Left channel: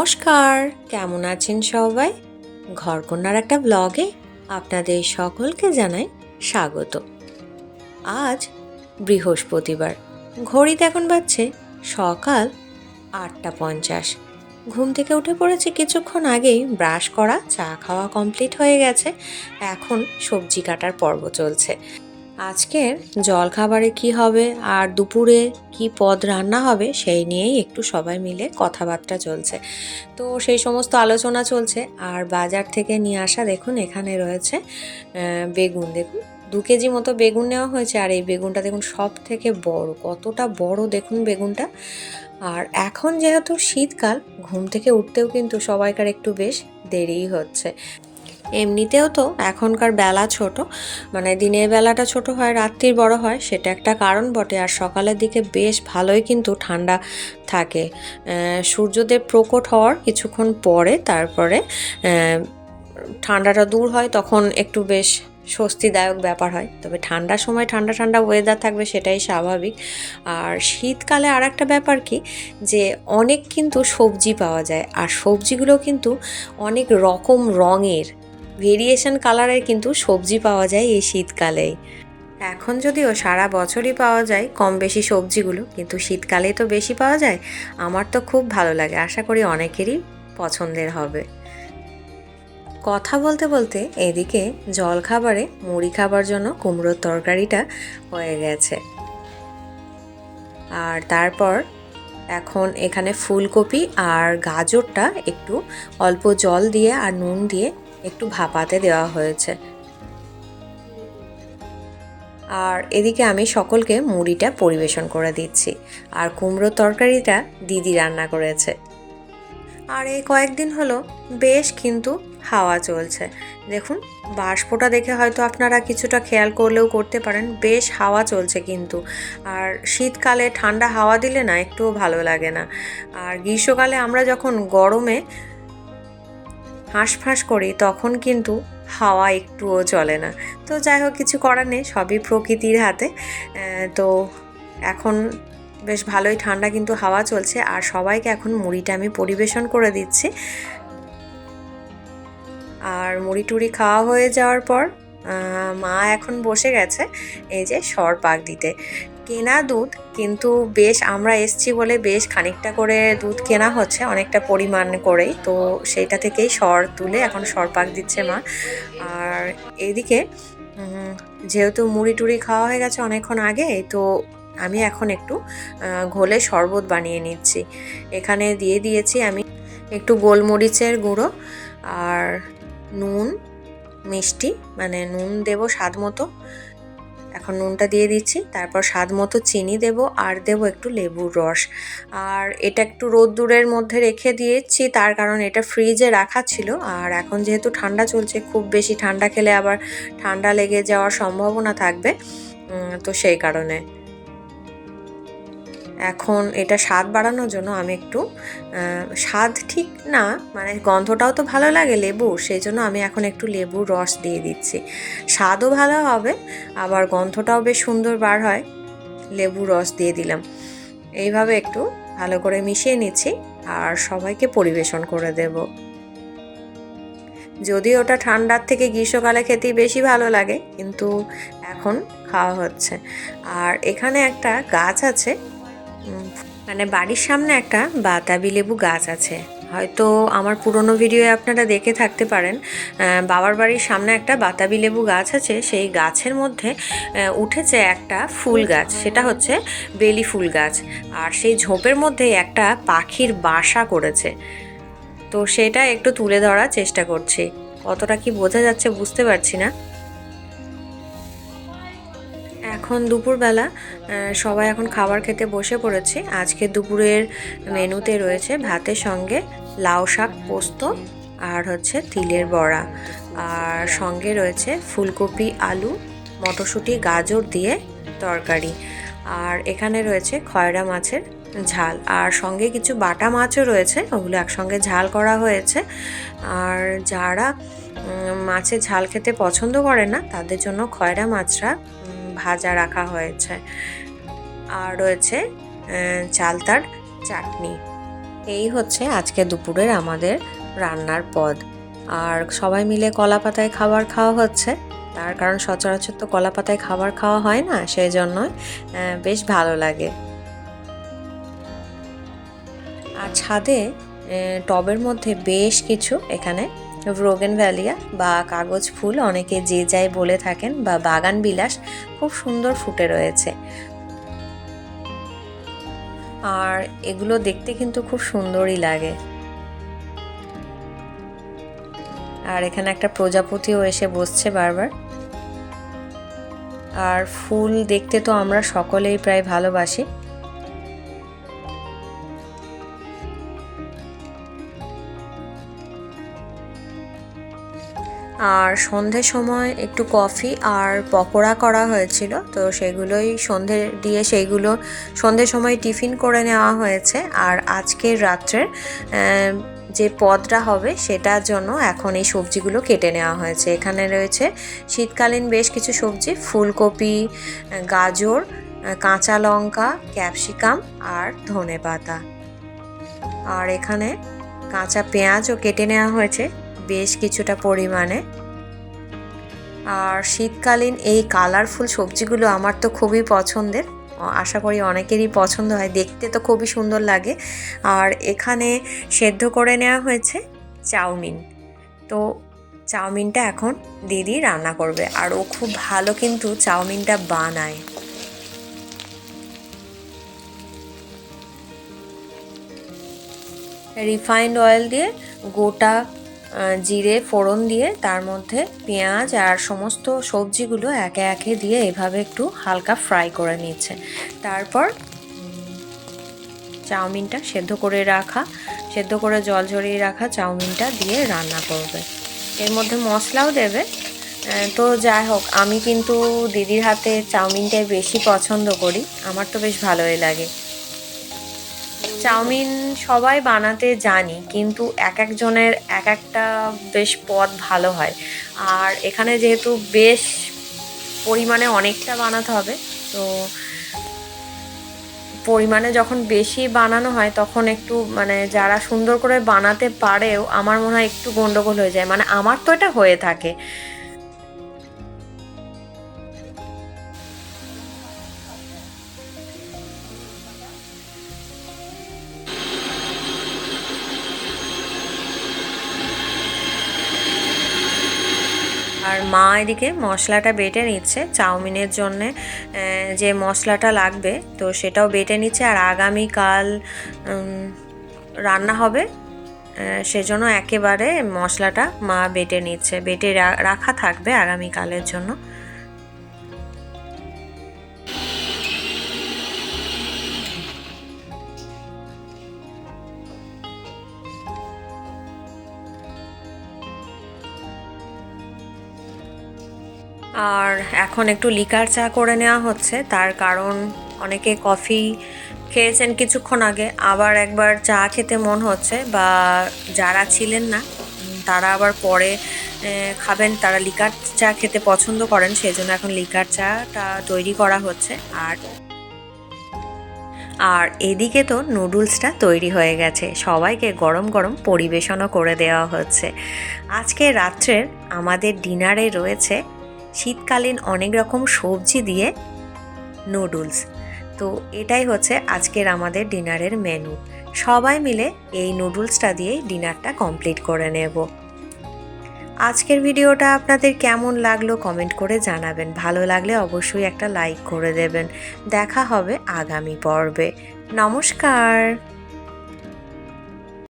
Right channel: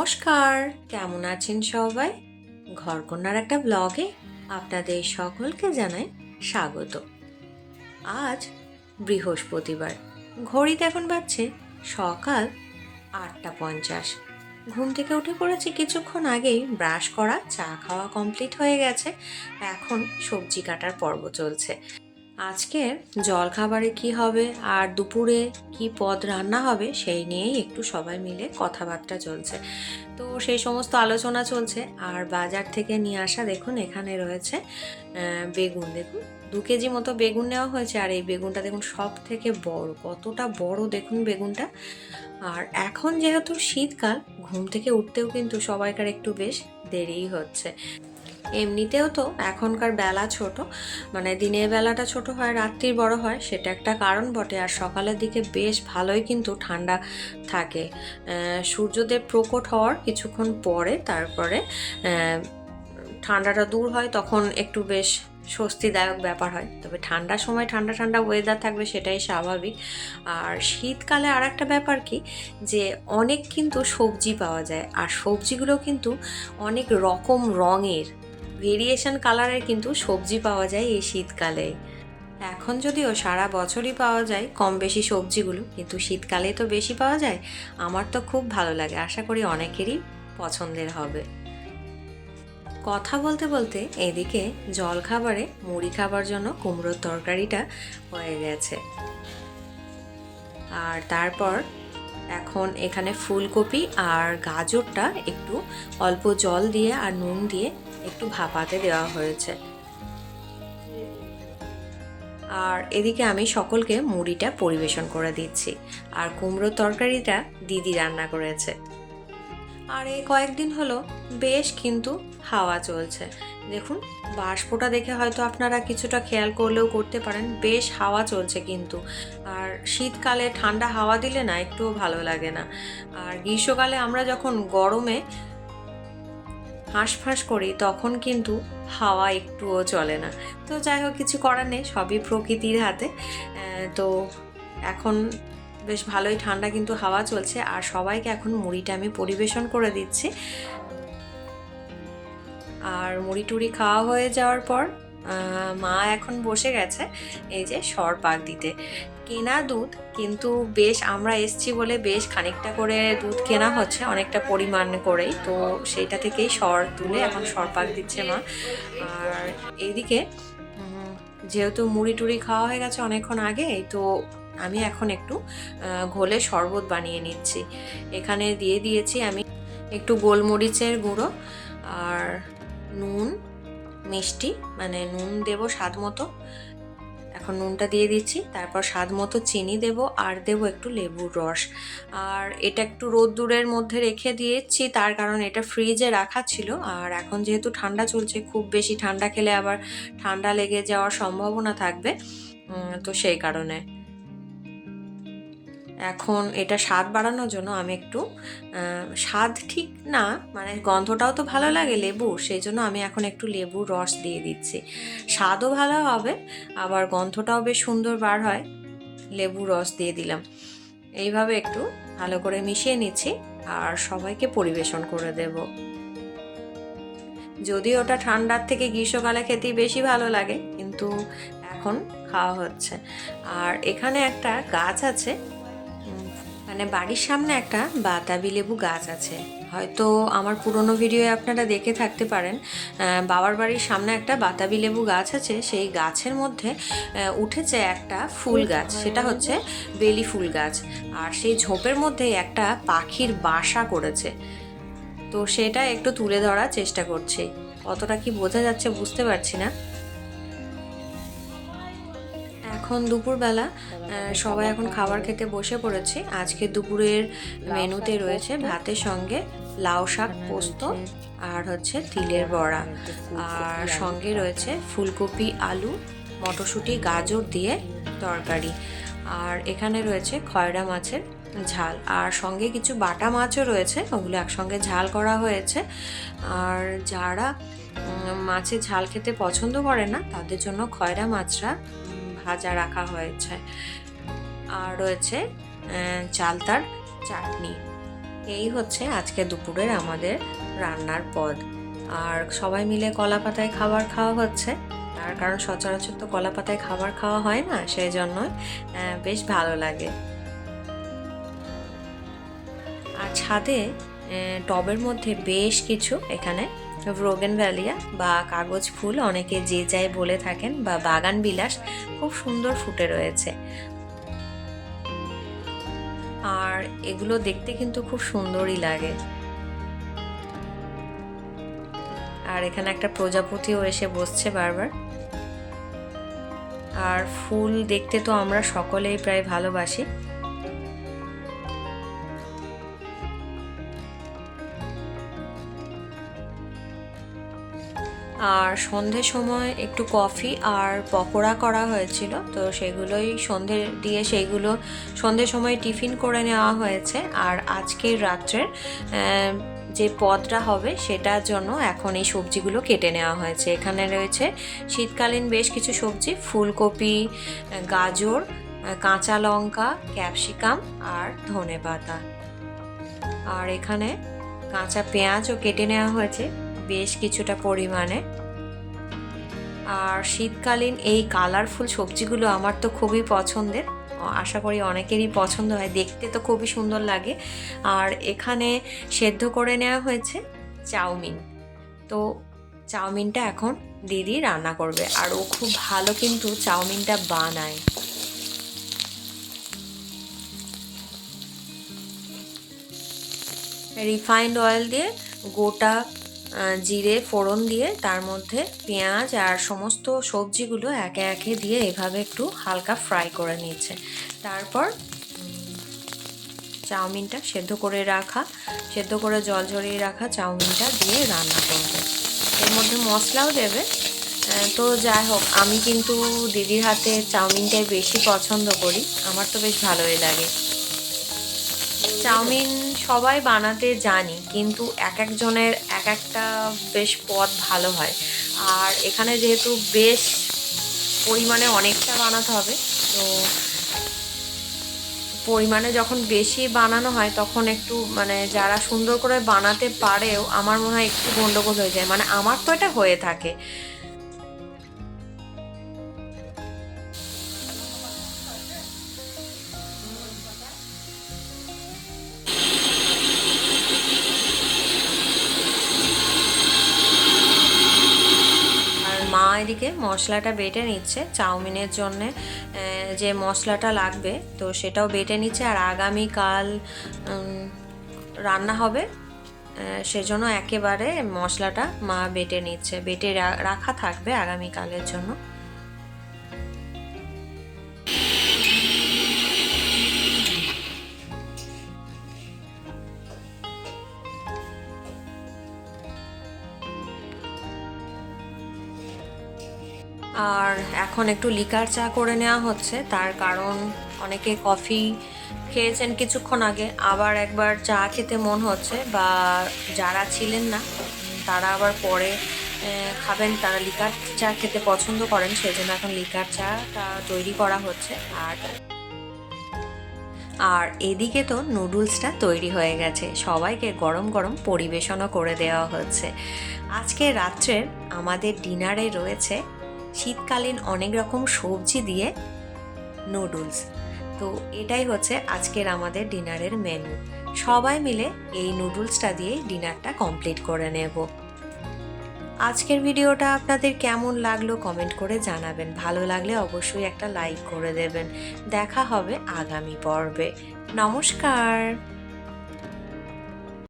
নমস্কার। কেমন আছেন সবাই? ঘরকন্যার একটা ব্লগে আপনাদের সকলকে জানাই স্বাগত। আজ বৃহস্পতিবার, ঘড়িতে এখন বাজছে সকাল আটটা পঞ্চাশ। ঘুম থেকে উঠে পড়েছি কিছুক্ষণ আগেই, ব্রাশ করা, চা খাওয়া কমপ্লিট হয়ে গেছে। এখন সবজি কাটার পর্ব চলছে। আজকের জলখাবারে কি হবে আর দুপুরে কি পদ রান্না হবে সেই নিয়েই একটু সবাই মিলে কথাবার্তা চলছে। তো সেই সমস্ত আলোচনা চলছে। আর বাজার থেকে নিয়ে আসা দেখুন, এখানে রয়েছে বেগুন। দেখুন, দু কেজি মতো বেগুন নেওয়া হয়েছে আর এই বেগুনটা দেখুন সব থেকে বড়, কতটা বড় দেখুন বেগুনটা। আর এখন যেহেতু শীতকাল, ঘুম থেকে উঠতেও কিন্তু সবাইকার একটু বেশ দেরিই হচ্ছে। এমনিতেও তো এখনকার বেলা ছোট মানে দিনের বেলাটা ছোট হয়, রাত্রির বড় হয়, সেটা একটা কারণ বটে। আর সকালের দিকে বেশ ভালোই কিন্তু ঠান্ডা থাকে। সূর্যদেব প্রকট হওয়ার কিছুক্ষণ পরে তারপরে ঠান্ডাটা দূর হয়, তখন একটু বেশ স্বস্তিদায়ক ব্যাপার হয়। তবে ঠান্ডার সময় ঠান্ডা ঠান্ডা ওয়েদার থাকবে সেটাই স্বাভাবিক। আর শীতকালে আর একটা ব্যাপার কি, যে অনেক কিন্তু সবজি পাওয়া যায়। আর সবজিগুলো কিন্তু অনেক রকম রঙের। ভেরিয়েশন কালারের কিন্তু সবজি পাওয়া যায় এই শীতকালেই এখন যদিও সারা বছরই পাওয়া যায় কম বেশি সবজিগুলো, কিন্তু শীতকালেই তো বেশি পাওয়া যায়, আমার তো খুব ভালো লাগে, আশা করি অনেকেরই পছন্দের হবে। কথা বলতে বলতে এদিকে জল খাবারে মুড়ি খাবার জন্য কুমড়োর তরকারিটা হয়ে গেছে। আর তারপর এখন এখানে ফুলকপি আর গাজরটা একটু অল্প জল দিয়ে আর নুন দিয়ে একটু ভাপাতে দেওয়া হয়েছে। আর এদিকে আমি সকলকে মুড়িটা পরিবেশন করে দিচ্ছি। আর কুমড়োর তরকারিটা দিদি রান্না করেছে। আর এই কয়েকদিন হলো বেশ কিন্তু হাওয়া চলছে। দেখুন, বাষ্পটা দেখে হয়তো আপনারা কিছুটা খেয়াল করলেও করতে পারেন, বেশ হাওয়া চলছে কিন্তু। আর শীতকালে ঠান্ডা হাওয়া দিলে না, একটুও ভালো লাগে না। আর গ্রীষ্মকালে আমরা যখন গরমে হাঁসফাঁস করি, তখন কিন্তু হাওয়া একটুও চলে না। তো যাই হোক, কিছু করার নেই, সবই প্রকৃতির হাতে। তো এখন বেশ ভালোই ঠান্ডা কিন্তু হাওয়া চলছে, আর সবাইকে এখন মুড়িটা আমি পরিবেশন করে দিচ্ছি। আর মুড়ি টুড়ি খাওয়া হয়ে যাওয়ার পর মা এখন বসে গেছে, এই যে সর পাক দিতে। কেনা দুধ, কিন্তু বেশ আমরা এসছি বলে বেশ খানিকটা করে দুধ কেনা হচ্ছে অনেকটা পরিমাণ করেই। তো সেইটা থেকেই সর তুলে এখন সর পাক দিচ্ছে মা। আর এদিকে যেহেতু মুড়ি টুড়ি খাওয়া হয়ে গেছে অনেকক্ষণ আগে, তো আমি এখন একটু ঘোলে শরবত বানিয়ে নিচ্ছি। এখানে দিয়ে দিয়েছি আমি একটু গোলমরিচের গুঁড়ো আর নুন, মিষ্টি মানে নুন দেবো স্বাদ মতো। এখন নুনটা দিয়ে দিচ্ছি, তারপর স্বাদ মতো চিনি দেব আর দেব একটু লেবুর রস। আর এটা একটু রোদ্দুরের মধ্যে রেখে দিয়েছি, তার কারণ এটা ফ্রিজে রাখা ছিল। আর এখন যেহেতু ঠান্ডা চলছে, খুব বেশি ঠান্ডা খেলে আবার ঠান্ডা লেগে যাওয়ার সম্ভাবনা থাকবে তো সেই কারণে। এখন এটা স্বাদ বাড়ানোর জন্য আমি একটু স্বাদ ঠিক না মানে গন্ধটাও তো ভালো লাগে লেবু, সেই জন্য আমি এখন একটু লেবুর রস দিয়ে দিচ্ছি। স্বাদও ভালো হবে, আবার গন্ধটাও বেশ সুন্দর বার হয় লেবু রস দিয়ে দিলাম। এইভাবে একটু ভালো করে মিশিয়ে নিচ্ছি, আর সবাইকে পরিবেশন করে দেব। যদি ওটা ঠান্ডার থেকে গ্রীষ্মকালে খেতেই বেশি ভালো লাগে, কিন্তু এখন খাওয়া হচ্ছে। আর এখানে একটা গাছ আছে মানে বাড়ির সামনে একটা বাতাবি লেবু গাছ আছে। হয়তো আমার পুরনো ভিডিওয়ে আপনারা দেখে থাকতে পারেন বাবার বাড়ির সামনে একটা বাতাবি লেবু গাছ আছে, সেই গাছের মধ্যে উঠেছে একটা ফুল গাছ, সেটা হচ্ছে বেলি ফুল গাছ। আর সেই ঝোপের মধ্যে একটা পাখির বাসা করেছে। তো সেটা একটু তুলে ধরার চেষ্টা করছি। কতটা কি বোঝা যাচ্ছে বুঝতে পারছি না। এখন দুপুরবেলা সবাই এখন খাবার খেতে বসে পড়েছে। আজকে দুপুরের মেনুতে রয়েছে ভাতের সঙ্গে লাউ শাক পোস্ত আর হচ্ছে তিলের বড়া। আর সঙ্গে রয়েছে ফুলকপি আলু মটরশুঁটি গাজর দিয়ে তরকারি। আর এখানে রয়েছে খয়রা মাছের ঝাল। আর সঙ্গে কিছু বাটা মাছও রয়েছে ওগুলো একসঙ্গে ঝাল করা হয়েছে। আর যারা মাছের ঝাল খেতে পছন্দ করে না তাদের জন্য খয়রা উম, ভাজা রাখা হয়েছে। আর রয়েছে চালতার চাটনি। এই হচ্ছে আজকে দুপুরের আমাদের রান্নার পদ। আর সবাই মিলে কলা পাতায় খাবার খাওয়া হচ্ছে। তার কারণ সচরাচর তো কলা পাতায় খাবার খাওয়া হয় না সেই জন্যই আহ, বেশ ভালো লাগে। আর ছাদে টবের মধ্যে বেশ কিছু এখানে রোগেন ভ্যালিয়া বা কাগজ ফুল অনেকে যে যাই বলে থাকেন বা বাগান বিলাস খুব সুন্দর ফুটে রয়েছে। আর এগুলো দেখতে কিন্তু খুব সুন্দরই লাগে। আর এখানে একটা প্রজাপতিও এসে বসছে বারবার। আর ফুল দেখতে তো আমরা সকলেই প্রায় ভালোবাসি। আর সন্ধে সময় একটু কফি আর পকোড়া করা হয়েছিল। তো সেগুলোই সন্ধে দিয়ে সেইগুলো সন্ধে সময় টিফিন করে নেওয়া হয়েছে। আর আজকের রাত্রের যে পদটা হবে সেটার জন্য এখন এই সবজিগুলো কেটে নেওয়া হয়েছে। এখানে রয়েছে শীতকালীন বেশ কিছু সবজি, ফুলকপি, গাজর, কাঁচা লঙ্কা, ক্যাপসিকাম আর ধনে পাতা আর এখানে কাঁচা পেঁয়াজও কেটে নেওয়া হয়েছে। বেশ কিছুটা পরিমাণে। আর শীতকালীন এই কালারফুল সবজিগুলো আমার তো খুবই পছন্দের। আশা করি অনেকেরই পছন্দ হয়। দেখতে তো খুবই সুন্দর লাগে। আর এখানে সেদ্ধ করে নেওয়া হয়েছে চাউমিন। তো চাউমিনটা এখন দিদি রান্না করবে। আর ও খুব ভালো কিন্তু চাউমিনটা বানায়। রিফাইন্ড অয়েল দিয়ে গোটা জিরে, ফোড়ন দিয়ে তার মধ্যে পেঁয়াজ আর সমস্ত সবজিগুলো একে একে দিয়ে এভাবে একটু হালকা ফ্রাই করে নিচ্ছে তারপর চাউমিনটা সেদ্ধ করে রাখা, সেদ্ধ করে জল ঝরিয়ে রাখা চাউমিনটা দিয়ে রান্না করবে। এর মধ্যে মশলাও দেবে। তো যাই হোক, আমি কিন্তু দিদির হাতে চাউমিনটাই বেশি পছন্দ করি। আমার তো বেশ ভালোই লাগে। চাউমিন সবাই বানাতে জানি, কিন্তু এক একজনের এক একটা বেশ পদ ভালো হয়। আর এখানে যেহেতু বেশ পরিমাণে অনেকটা বানাতে হবে, তো পরিমাণে যখন বেশি বানানো হয়, তখন একটু মানে যারা সুন্দর করে বানাতে পারেও আমার মনে হয় একটু গন্ডগোল হয়ে যায়। মানে আমার তো এটা হয়ে থাকে। মা এদিকে মশলাটা বেটে নিচ্ছে, চাউমিনের জন্যে যে মশলাটা লাগবে, তো সেটাও বেটে নিচ্ছে। আর আগামীকাল রান্না হবে সেজন্য একেবারে মশলাটা মা বেটে নিচ্ছে, বেটে রাখা থাকবে আগামীকালের জন্য। আর এখন একটু লিকার চা করে নেওয়া হচ্ছে। তার কারণ অনেকে কফি খেয়েছেন কিছুক্ষণ আগে, আবার একবার চা খেতে মন হচ্ছে বা যারা ছিলেন না তারা আবার পরে খাবেন। তারা লিকার চা খেতে পছন্দ করেন, সেজন্য এখন লিকার চাটা তৈরি করা হচ্ছে। আর আর এদিকে তো নুডলসটা তৈরি হয়ে গেছে। সবাইকে গরম গরম পরিবেশনও করে দেওয়া হচ্ছে। আজকে রাত্রের আমাদের ডিনারে রয়েছে শীতকালীন অনেক রকম সবজি দিয়ে নুডলস তো এটাই হচ্ছে আজকের আমাদের ডিনারের মেনু সবাই মিলে এই নুডলসটা দিয়ে ডিনারটা কমপ্লিট করে নেব। আজকের ভিডিওটা আপনাদের কেমন লাগল কমেন্ট করে জানাবেন। ভালো লাগলে অবশ্যই একটা লাইক করে দেবেন। দেখা হবে আগামী পর্বে। নমস্কার!